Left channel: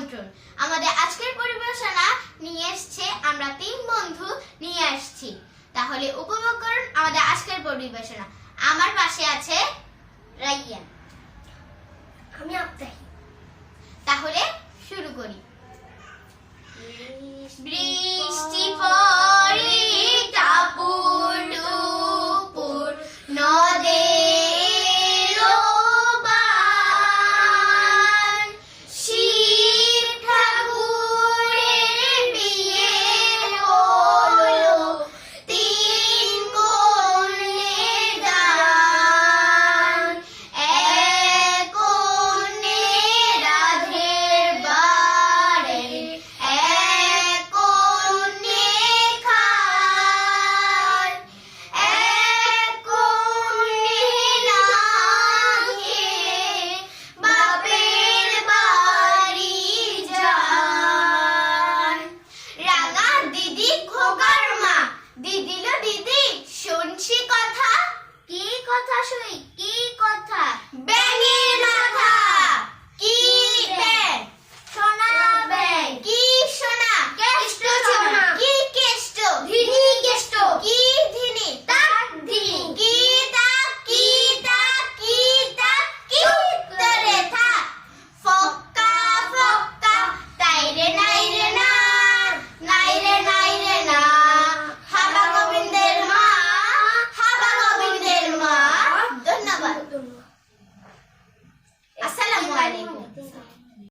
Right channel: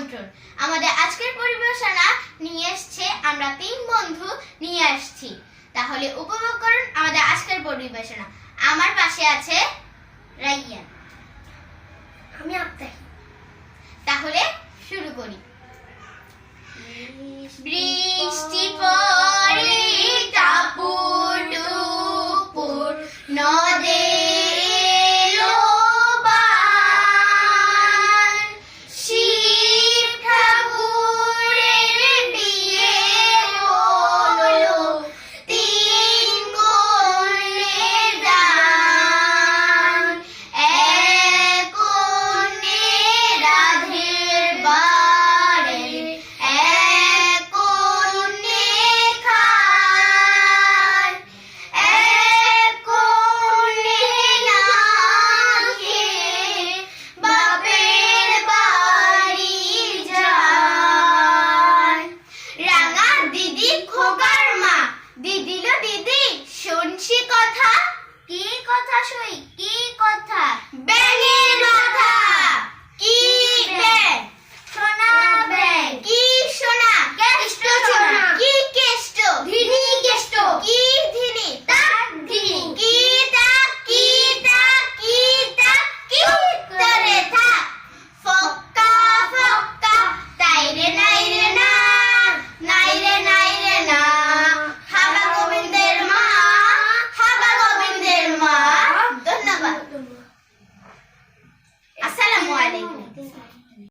আমন্ত্রণ। আমাদের আজকের পরিবেশনা নিয়ে এসেছে আমরা তিন বন্ধু নিয়ে আসছি। তাহলে উপভোগ করুন আমাদের আজকের পরিবেশনা। আমার পাশে আছে রাইয়ান, আমি আফতার। তাহলে শুরু করি।